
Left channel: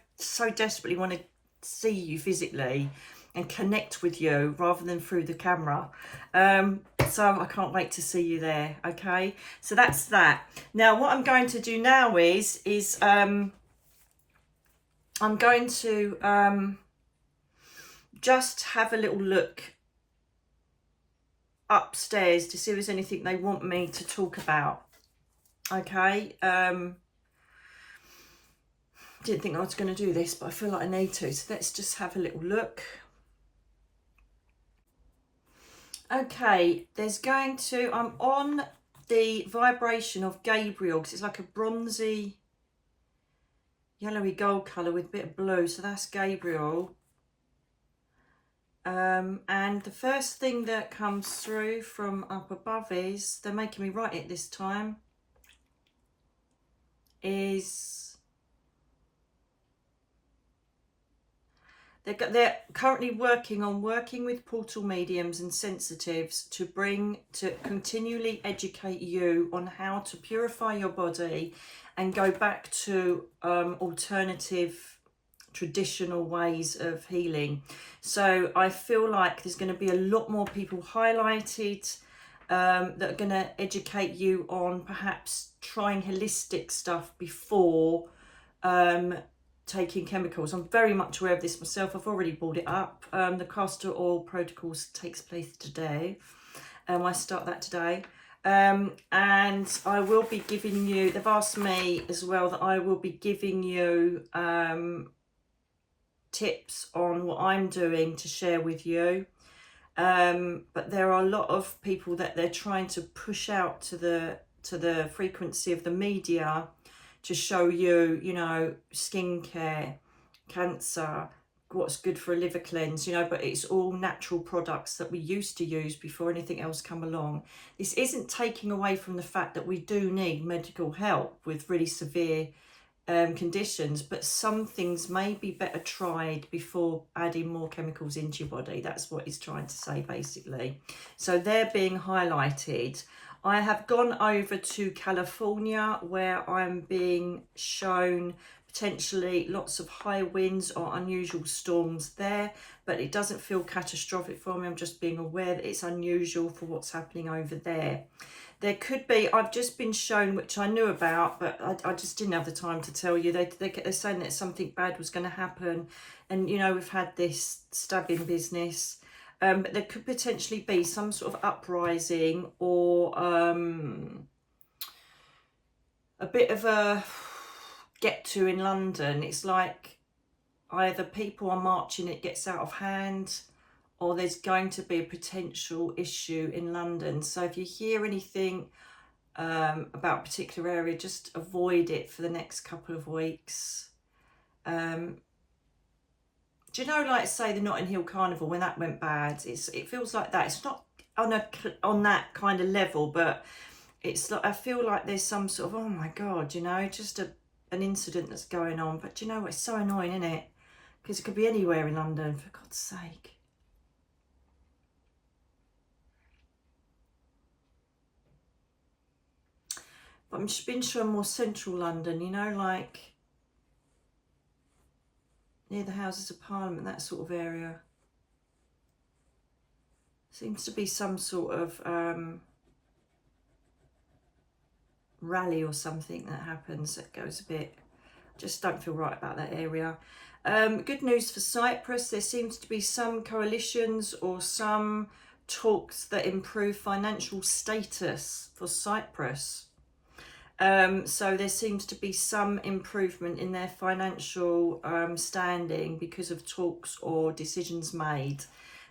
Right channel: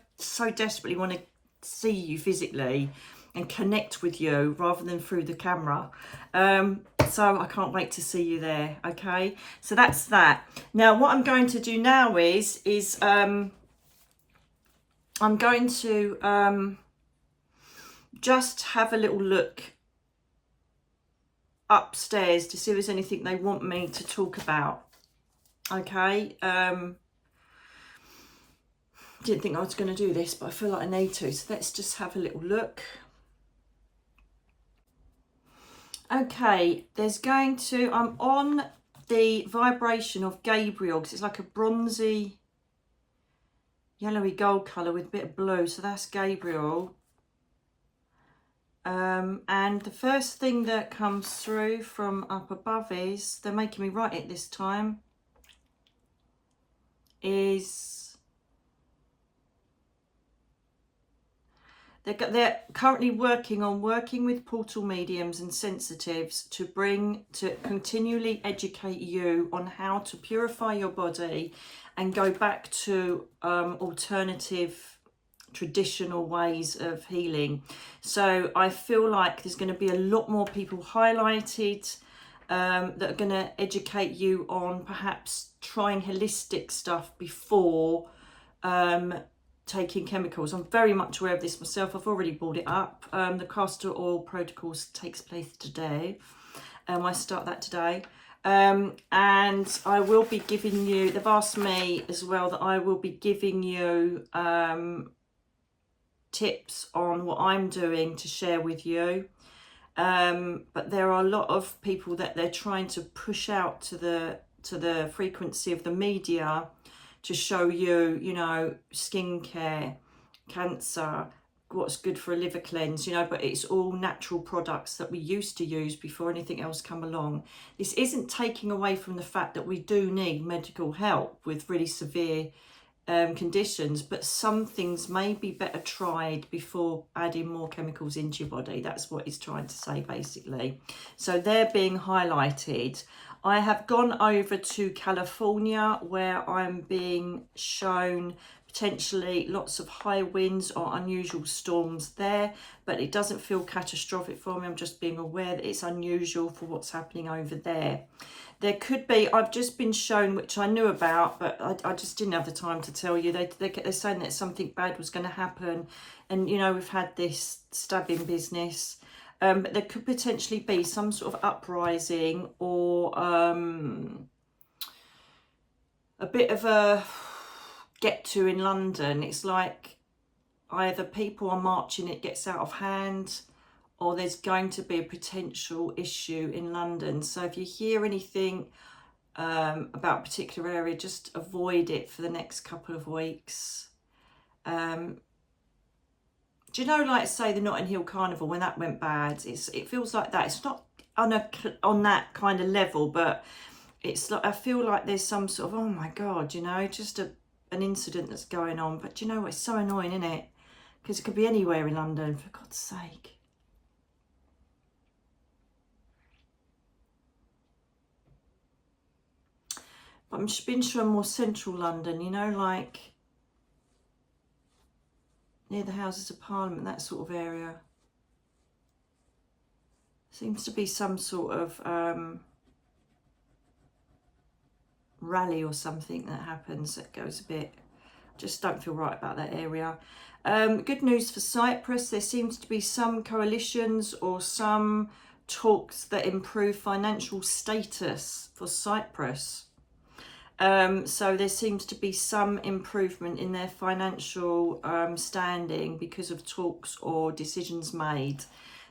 desperately want to see you physically and connect with you rather than through the camera. So I can't wait to see you there. Okay, so that's that. Now what I'm going to do now is I'm going to just have a little look upstairs to see if there's anything they want me to talk about. Okay, didn't think I was going to do this, but I feel like I need to, so let's just have a little look. Okay, I'm on the vibration of Gabriel, because it's like a bronzy yellowy gold colour with a bit of blue, so that's Gabriel. And the first thing that comes through from up above is, they're making me write it this time, is they're currently working with portal mediums and sensitives to continually educate you on how to purify your body and go back to alternative traditional ways of healing. So I feel like there's going to be a lot more people highlighted that are going to educate you on perhaps trying holistic stuff before taking chemicals. I'm very much aware of this myself. I've already brought it up. The castor oil protocols takes place today. I start that today. And I will be giving you, they've asked me as well that I will be giving you tips on what I'm doing to share with you. But there are a lot of people that they're trying to push out to the frequency of the media to show you, you know, skincare, cancer, what's good for a liver cleanse, you know, but it's all natural products that we used to use before anything else come along. This isn't taking away from the fact that we do need medical help with really severe conditions, but some things may be better tried before adding more chemicals into your body. That's what it's trying to say, basically. So they're being highlighted. I have gone over to California, where I'm being shown potentially lots of high winds or unusual storms there. but it doesn't feel catastrophic for me. I'm just being aware that it's unusual for what's happening over there. There could be, I've just been shown, which I knew about, but I just didn't have the time to tell you. They're saying that something bad was going to happen. And, you know, we've had this stabbing business. But there could potentially be some sort of uprising or a bit of a get to in London. It's like either people are marching, it gets out of hand, or there's going to be a potential issue in London. So if you hear anything about a particular area, just avoid it for the next couple of weeks. Do you know, like, say, the Notting Hill Carnival, when that went bad, it feels like that. It's not on that kind of level, but it's like, I feel like there's some sort of, oh my God, you know, just an incident that's going on. But do you know what? It's so annoying, isn't it? Because it could be anywhere in London, for God's sake. But I'm just been shown more central London, you know, like near the Houses of Parliament, that sort of area. Seems to be some sort of rally or something that happens that goes a bit, just don't feel right about that area. Good news for Cyprus. There seems to be some coalitions or some talks that improve financial status for Cyprus. So there seems to be some improvement in their financial standing because of talks or decisions made.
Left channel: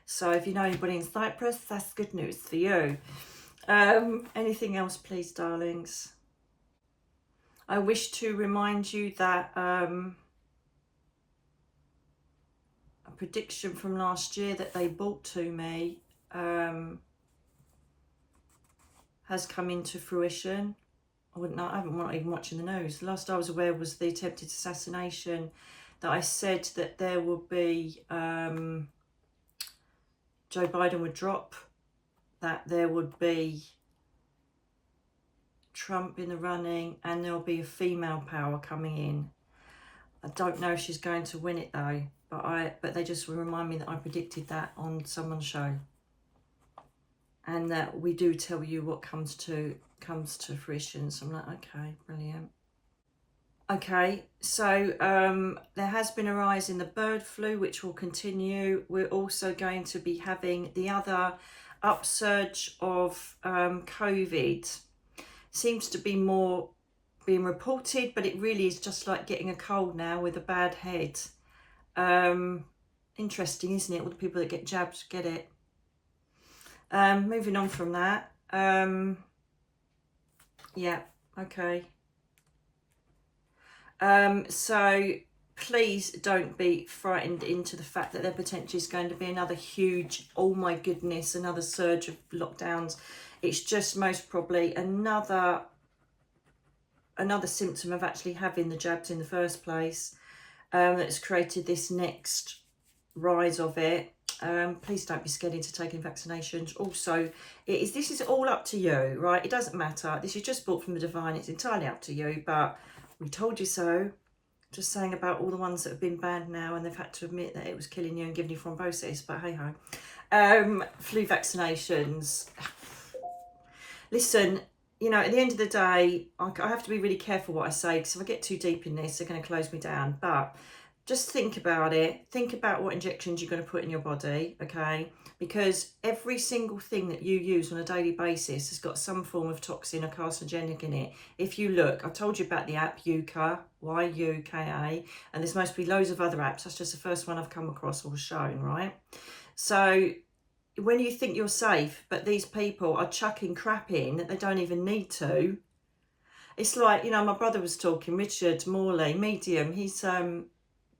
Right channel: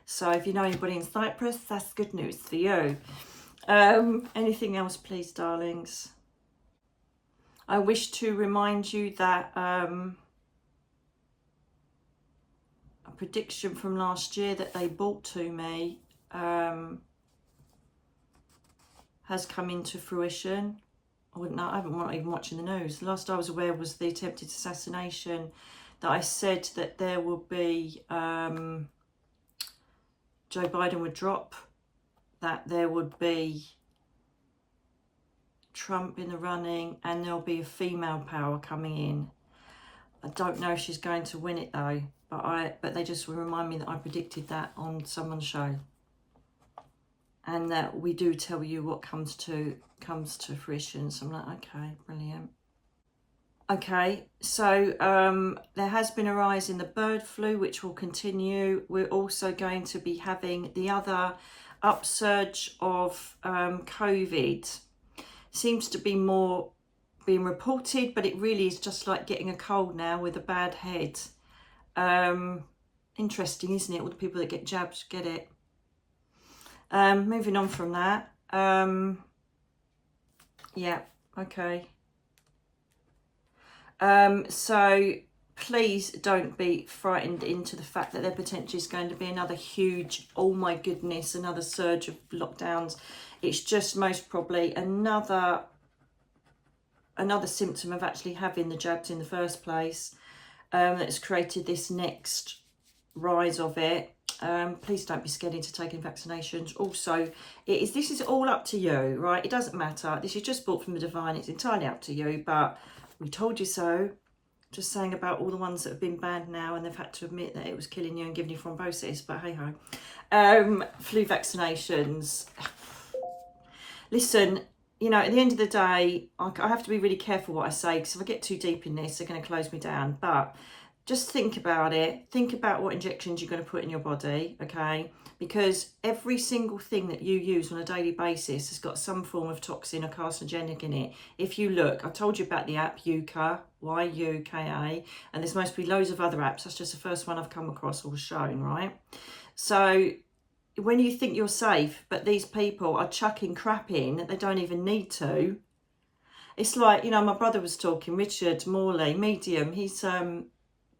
So if you know anybody in Cyprus, that's good news for you. Anything else, please, darlings? I wish to remind you that a prediction from last year that they brought to me has come into fruition. I'm not even watching the news. The last I was aware was the attempted assassination, that I said that there will be, Joe Biden would drop, that there would be Trump in the running, and there'll be a female power coming in. I don't know if she's going to win it though, but they just remind me that I predicted that on someone's show. And that we do tell you what comes to fruition. So I'm like, okay, brilliant. Okay, so there has been a rise in the bird flu, which will continue. We're also going to be having the other upsurge of COVID. Seems to be more being reported, but it really is just like getting a cold now with a bad head. Interesting, isn't it? All the people that get jabs get it. Moving on from that, yeah, okay. So please don't be frightened into the fact that there potentially is going to be another huge, oh my goodness, another surge of lockdowns. It's just most probably another symptom of actually having the jabs in the first place that's created this next rise of it. Please don't be scared into taking vaccinations. Also, this is all up to you, right? It doesn't matter. This is just brought from the divine. It's entirely up to you, but we told you so. Just saying about all the ones that have been banned now and they've had to admit that it was killing you and giving you thrombosis, but hey ho. Flu vaccinations. Listen, you know, at the end of the day, I have to be really careful what I say, because if I get too deep in this, they're going to close me down. But just think about it. Think about what injections you're going to put in your body, okay? Because every single thing that you use on a daily basis has got some form of toxin or carcinogenic in it. If you look, I told you about the app Yuka, Y-U-K-A, and there's supposed to be loads of other apps. That's just the first one I've come across or was shown, right? So when you think you're safe, but these people are chucking crap in that they don't even need to. It's like, you know, my brother was talking, Richard Morley, medium, he's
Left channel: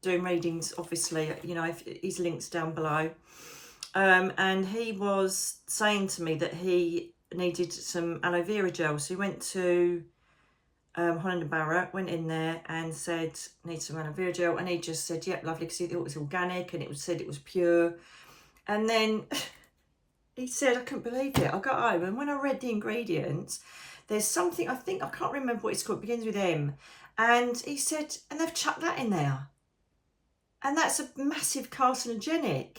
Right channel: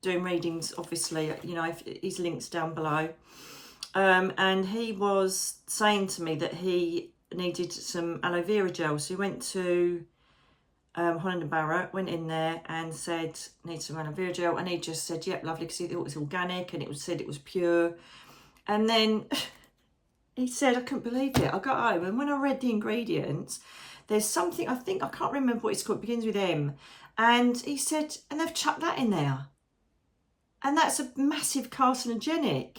doing readings, obviously, you know, his links down below. And he was saying to me that he needed some aloe vera gel. So he went to Holland & Barrett, went in there and said, need some aloe vera gel. And he just said, yep, lovely, because he thought it was organic and it said it was pure. And then he said, I couldn't believe it. I got home and when I read the ingredients, there's something, I can't remember what it's called, it begins with M. And he said, and they've chucked that in there. And that's a massive carcinogenic.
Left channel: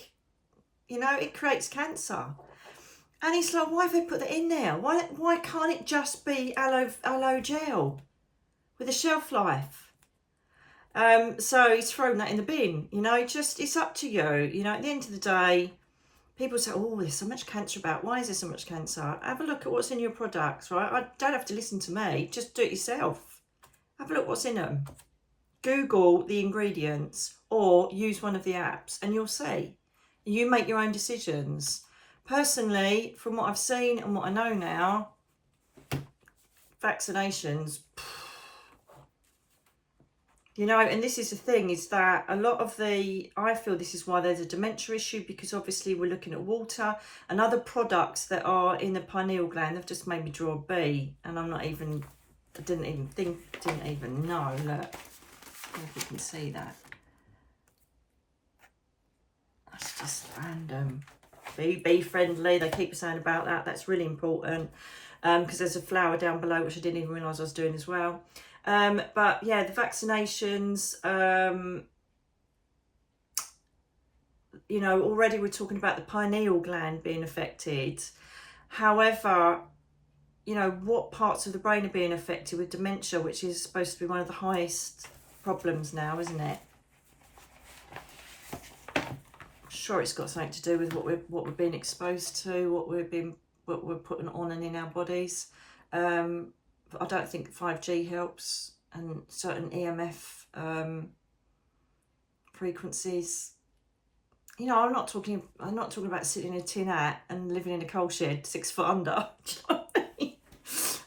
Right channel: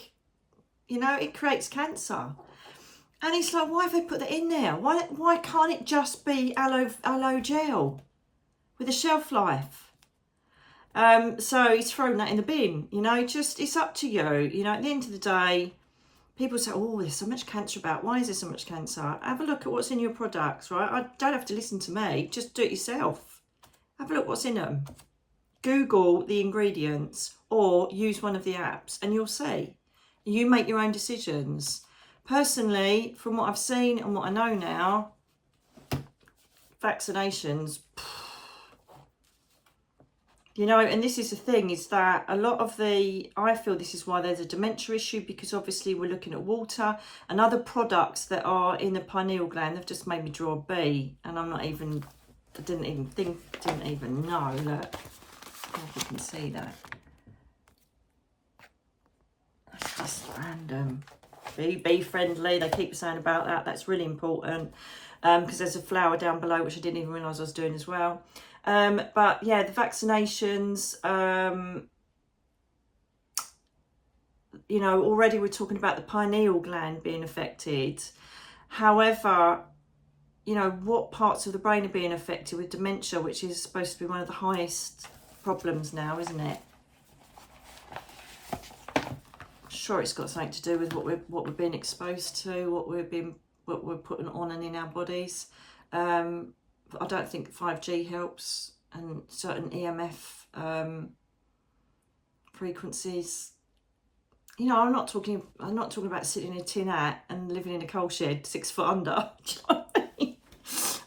You know, it creates cancer. And it's like, why have they put that in there? Why can't it just be aloe gel with a shelf life? So he's thrown that in the bin. You know, it's up to you. You know, at the end of the day, people say, oh, there's so much cancer about. Why is there so much cancer? Have a look at what's in your products, right? I don't have to listen to me. Just do it yourself. Have a look what's in them. Google the ingredients or use one of the apps and you'll see. You make your own decisions. Personally, from what I've seen and what I know now, vaccinations, you know, and this is the thing, is that a lot of I feel this is why there's a dementia issue, because obviously we're looking at water and other products that are in the pineal gland. They've just made me draw a B, and I didn't even know that. I don't know if you can see that. That's just random. Be friendly, they keep saying about that. That's really important, because there's a flower down below which I didn't even realise I was doing as well. But yeah, the vaccinations, you know, already we're talking about the pineal gland being affected. However, you know, what parts of the brain are being affected with dementia, which is supposed to be one of the highest problems now, isn't it? Sure, it's got something to do with what we're being exposed to, what we're putting on and in our bodies. I don't think 5G helps, and certain EMF frequencies. You know, I'm not talking about sitting in a tin hat and living in a coal shed 6 foot under. Do you know what I mean?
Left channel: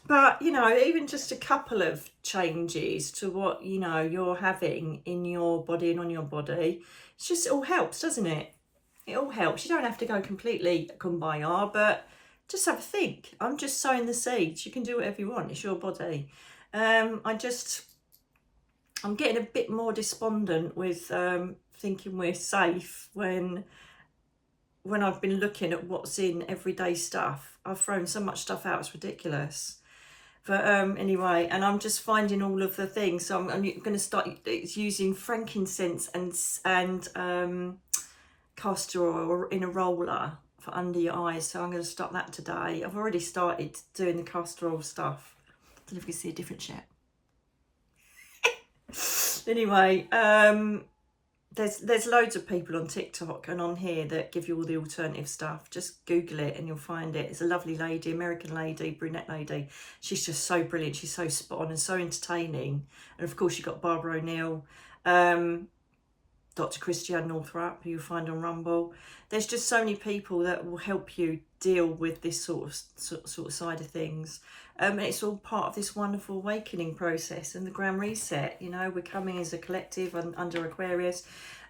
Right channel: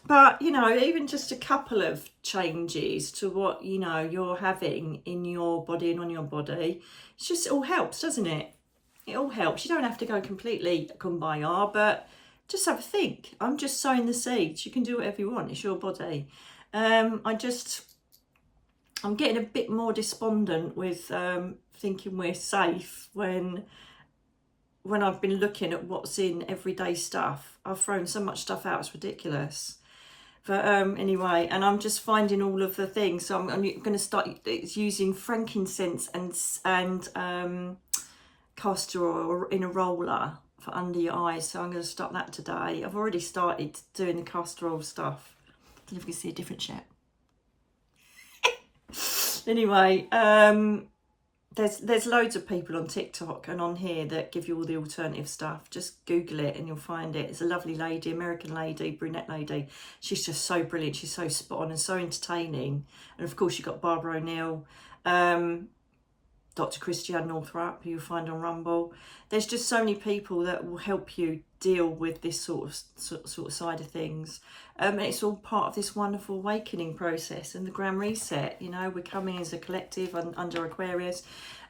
But you know, even just a couple of changes to what, you know, you're having in your body and on your body, it all helps, doesn't it? It all helps. You don't have to go completely kumbaya, but just have a think. I'm just sowing the seeds. You can do whatever you want. It's your body. I'm getting a bit more despondent with thinking we're safe when I've been looking at what's in everyday stuff. I've thrown so much stuff out, it's ridiculous. But anyway, and I'm just finding all of the things. So I'm going to start using frankincense and castor oil in a roller for under your eyes. So I'm going to start that today. I've already started doing the castor oil stuff. I don't know if you can see a different shape. Anyway, there's loads of people on TikTok and on here that give you all the alternative stuff. Just Google it and you'll find it. It's a lovely lady, American lady, brunette lady. She's just so brilliant. She's so spot on and so entertaining. And of course you've got Barbara O'Neill, Dr. Christiane Northrup, who you'll find on Rumble. There's just so many people that will help you deal with this sort of side of things. And it's all part of this wonderful awakening process and the Grand Reset. You know, we're coming as a collective under Aquarius,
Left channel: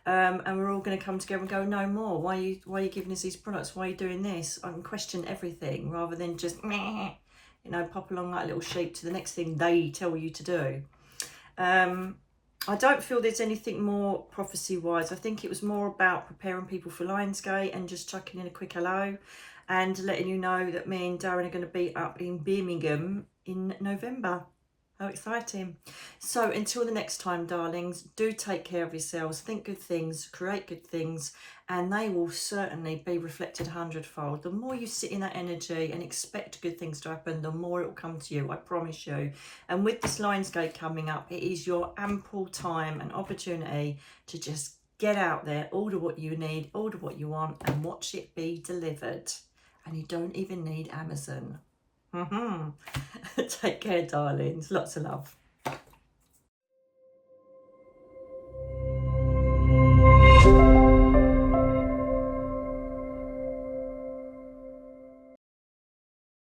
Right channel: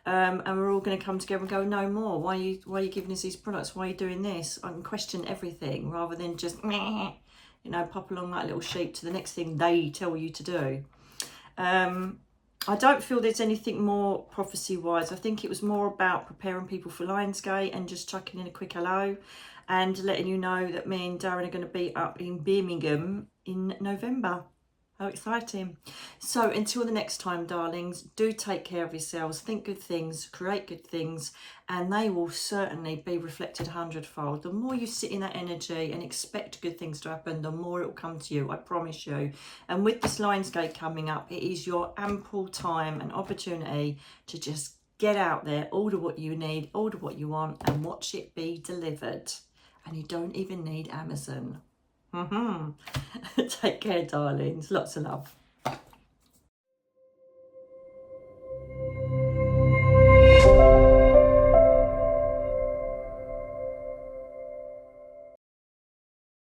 and we're all going to come together and go, no more. Why are you giving us these products? Why are you doing this? I can question everything rather than just, you know, pop along like a little sheep to the next thing they tell you to do. I don't feel there's anything more prophecy-wise. I think it was more about preparing people for Lionsgate and just chucking in a quick hello and letting you know that me and Darren are going to be up in Birmingham in November. How exciting. So until the next time, darlings, do take care of yourselves, think good things, create good things, and they will certainly be reflected 100-fold. The more you sit in that energy and expect good things to happen, the more it will come to you, I promise you. And with this Lionsgate coming up, it is your ample time and opportunity to just get out there, order what you need, order what you want, and watch it be delivered. And you don't even need Amazon. Take care, darlings. Lots of love.